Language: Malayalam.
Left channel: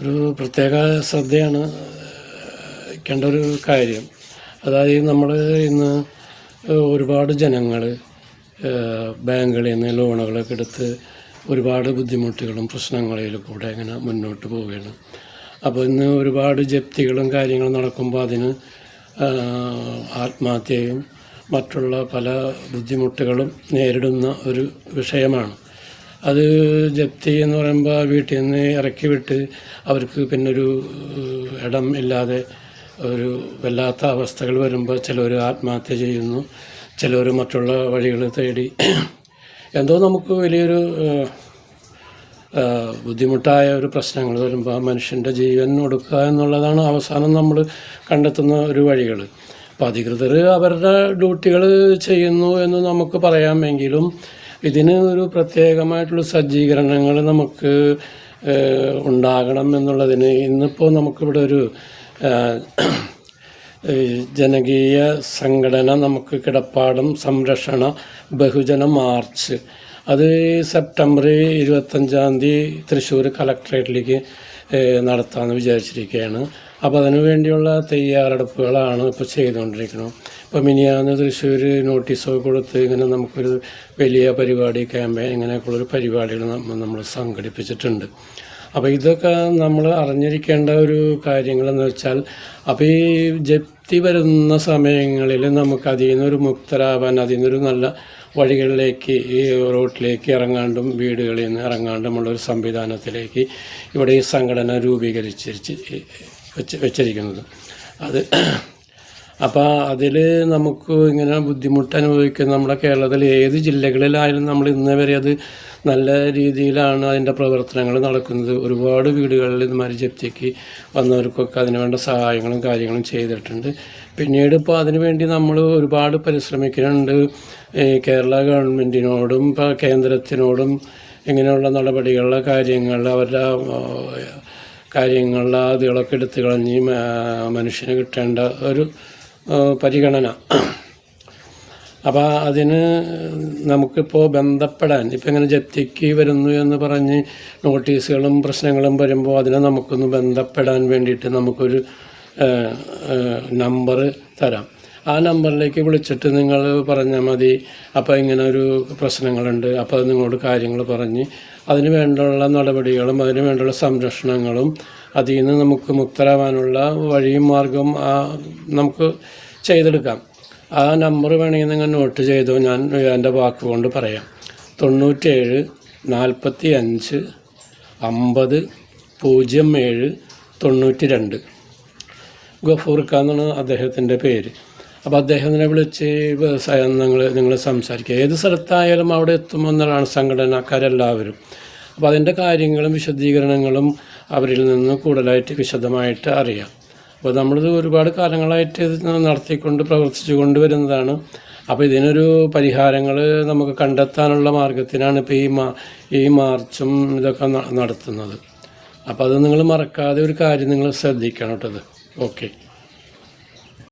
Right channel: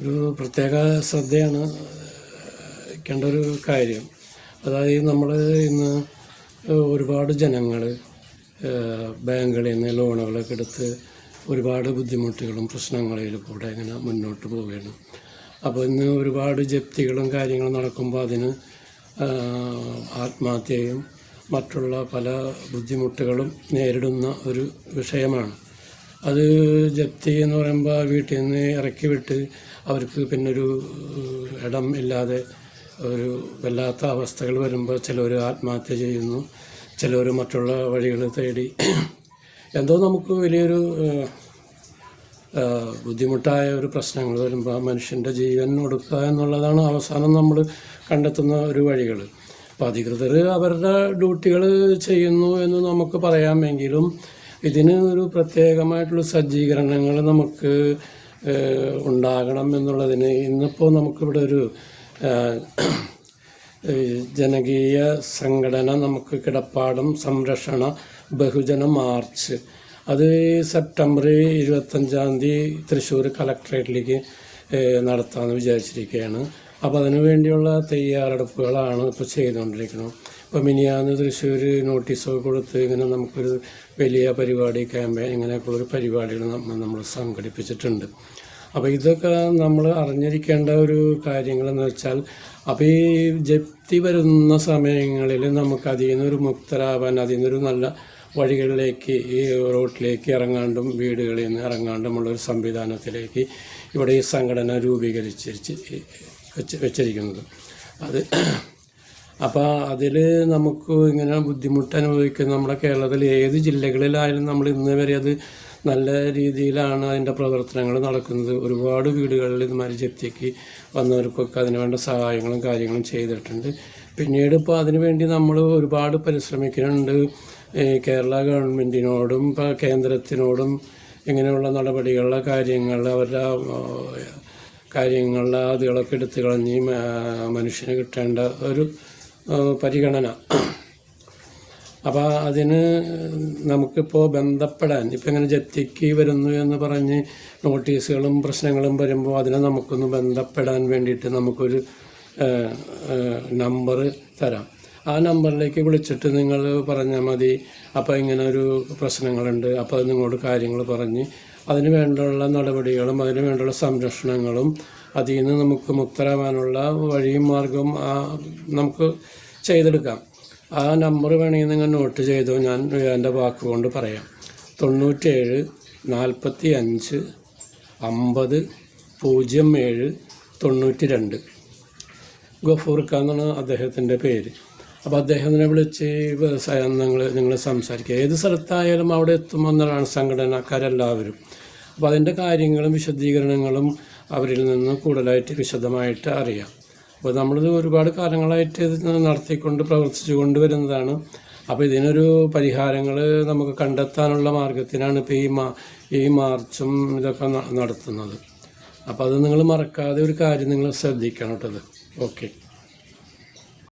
ഒരു പ്രത്യേക ശ്രദ്ധയാണ് ക്കേണ്ട ഒരു കാര്യം. അതായത് നമ്മൾ ഇന്ന് ഒരുപാട് ജനങ്ങൾ ബാങ്കുകളിൽ നിന്ന് ലോണുകളൊക്കെ എടുത്ത് ഒരുപാട് ബുദ്ധിമുട്ടുകളും പ്രശ്നങ്ങളിൽ കൂടെ ഇങ്ങനെ മുന്നോട്ട് പോവുകയാണ്. അപ്പോൾ ഇന്ന് ഒരുപാട് ജപ്തികളും കാര്യങ്ങളും നടക്കുമ്പോൾ അതിന് ആത്മഹത്യയും മറ്റുള്ള പല ബുദ്ധിമുട്ടുകളും നേരിടുന്ന ഒരു വിഷയമാണ്. അത് ജപ്തി എന്ന് പറയുമ്പോൾ വീട്ടിൽ നിന്ന് ഇറക്കി വിട്ട് അവർക്ക് പിന്നൊരു ഇടം ഇല്ലാതെ ഒരു വല്ലാത്ത അവസ്ഥകൾ വരുമ്പോൾ ചിലർ ആത്മഹത്യ ചെയ്യുന്നു, ചിലർ മറ്റുള്ള വഴികൾ തേടി എന്തോ നമുക്ക് വലിയൊരു ബുദ്ധിമുട്ടായ ഒരു പ്രശ്നങ്ങൾ വരുമ്പോൾ മനുഷ്യൻ്റെ ജീവൻ ഒടുക്കുക എന്നുള്ളതാണ് അവസാനം നമ്മൾ കണ്ടെത്തുന്ന ഒരു വഴികൾ. അപ്പോൾ അധികൃതർ അവരുടെ ഡ്യൂട്ടികൾ ചെയ്യുന്നു എന്ന് നമുക്ക് പറയാമെങ്കിലും ഇതിന് ഒരു പ്രത്യേകമായിട്ടുള്ള സജ്ജീകരണങ്ങൾ നമുക്ക് ഉണ്ടാകണം എന്നുള്ളതിന് ഇന്നിപ്പോൾ നമുക്കിവിടെ ഒരു ജനകീയ സംഘടന നമുക്ക് കിടപ്പാടം സംരക്ഷണ ബഹുജന മാർച്ച് അത് സെപ്റ്റംബർ 25 തൃശ്ശൂർ കളക്ട്രേറ്റിലേക്ക് നടത്താമെന്ന് വിചാരിച്ചിരിക്കുകയാണ്. അപ്പോൾ അതിനു വേണ്ടിയുള്ള തയ്യാറെടുപ്പുകളാണ് ഇപ്പോൾ ചെയ്തുകൊണ്ടിരിക്കുന്നത്. ഇപ്പോൾ മിനിയാന്ന് തൃശ്ശൂർ നോട്ടീസൊക്കെ കൊടുത്ത് ഇങ്ങനെ നമുക്കൊരു വലിയ പരിപാടി ക്യാമ്പയിൻ ഇങ്ങനെയൊക്കെയുള്ളൊരു പരിപാടികൾ നമ്മൾ സംഘടിപ്പിച്ചിട്ടുണ്ട്. അപ്പോൾ ഇതൊക്കെ നമ്മൾ അറിഞ്ഞിരിക്കേണ്ട ഒരു കാര്യങ്ങളെന്ന് വെച്ചാൽ, അപ്പോൾ ഈ ജപ്തി വരുന്ന സമയങ്ങളിൽ നമുക്ക് അതിൽ നിന്നൊരു മുക്തരാവാൻ, അതിൽ നിന്നൊരു നല്ല വഴികളിലേക്ക് ഈ റോട്ടിലേക്ക് ഇറങ്ങാണ്ടും വീടുകളിൽ നിന്ന് ഇറങ്ങാണ്ടുമുള്ളൊരു സംവിധാനത്തിലേക്ക് ഇവിടെ ഈ സംഘടന വെച്ചിരിക്കുന്നത്. അത് അപ്പോൾ അതിൽ നമുക്ക് ഇങ്ങനെ ബുദ്ധിമുട്ട് അനുഭവിക്കുന്ന നമ്മുടെ കേരളത്തിൽ ഏത് ജില്ലകളിലായാലും നമ്മൾ ഇന്നേ വരെ അത് നല്ല രീതിയിലാണ് അതിൻ്റെ പ്രവർത്തനങ്ങൾ നടക്കുന്നത്. ഒരുപാട് വീടുകളിൽ ഇതുമാതിരി ജപ്തിക്ക് വന്നവർക്കൊക്കെ അതിനുവേണ്ട സഹായങ്ങളും കാര്യങ്ങളും ചെയ്തിട്ടുണ്ട്. പിന്നീട് ഇപ്പോൾ അതിനുവേണ്ടി നമ്മൾ ഒരുപാട് പരിശ്രമിക്കുന്നുണ്ട്. കേരള ഗവൺമെൻറ്റിനോടും ഇപ്പോൾ കേന്ദ്രത്തിനോടും ഇങ്ങനെയുള്ള നടപടികളുടെ കാര്യങ്ങൾ അവരുടെ കാര്യങ്ങളിലെ അതുകളൊക്കെ എടുത്തു കളഞ്ഞ് മനുഷ്യന് കിട്ടേണ്ട ഒരു പരിഗണന. അപ്പോൾ അതിന് നമുക്കിപ്പോൾ ബന്ധപ്പെടാൻ ഇപ്പം ഇങ്ങനെ ജപ്തിക്ക് വരുന്നു എന്ന് പറഞ്ഞ് നോട്ടീസുകളും പ്രശ്നങ്ങളും വരുമ്പോൾ അതിനെ നമുക്കൊന്ന് ബന്ധപ്പെടാൻ വേണ്ടിയിട്ട് നമുക്കൊരു നമ്പർ തരാം. ആ നമ്പറിലേക്ക് വിളിച്ചിട്ട് നിങ്ങൾ പറഞ്ഞാൽ മതി, അപ്പോൾ ഇങ്ങനെ ഒരു പ്രശ്നങ്ങളുണ്ട്, അപ്പോൾ അത് നിങ്ങളോട് കാര്യങ്ങൾ പറഞ്ഞ് അതിന് വേണ്ടിയുള്ള നടപടികളും അതിന് വേണ്ടിയുള്ള സംരക്ഷണങ്ങളും അതിൽ നിന്ന് നമുക്ക് മുക്തരാവാനുള്ള വഴിയും മാർഗവും നമുക്ക് ചെയ്തെടുക്കാം. ആ നമ്പർ വേണമെങ്കിൽ നിങ്ങൾ നോട്ട് ചെയ്തോ, ഞാൻ എൻ്റെ വാക്കുകൊണ്ട് പറയാം. 97 45 50 07 92. ഗഫൂർക്ക എന്നാണ് അദ്ദേഹത്തിൻ്റെ പേര്. അപ്പോൾ അദ്ദേഹത്തിനെ വിളിച്ച് നിങ്ങൾ സംസാരിക്കുക. ഏത് സ്ഥലത്തായാലും അവിടെ എത്തുമെന്നാണ് സംഘടനക്കാരെല്ലാവരും. അപ്പോൾ അതിൻ്റെ കാര്യങ്ങളും വിശദീകരണങ്ങളും അവരിൽ നിന്ന് കൂടുതലായിട്ട് വിശദമായിട്ട് അറിയാം. അപ്പോൾ നമ്മളിത് ഒരുപാട് കാലങ്ങളായിട്ട് ഇത് നടത്തിക്കൊണ്ട് പ്രവർത്തിച്ചു കൊണ്ടുവരുന്നതാണ്. അപ്പോൾ ഇതിനൊരു പരിഹാരങ്ങൾ നമുക്ക് കണ്ടെത്താനുള്ള മാർഗത്തിനാണ് ഇപ്പോൾ ഈ മാർച്ചും ഇതൊക്കെ നടത്തുന്നത്. അപ്പോൾ അത് നിങ്ങൾ മറക്കാതെ ഒരു കാര്യം നിങ്ങൾ ശ്രദ്ധിക്കണം കേട്ടത്. ഓക്കെ.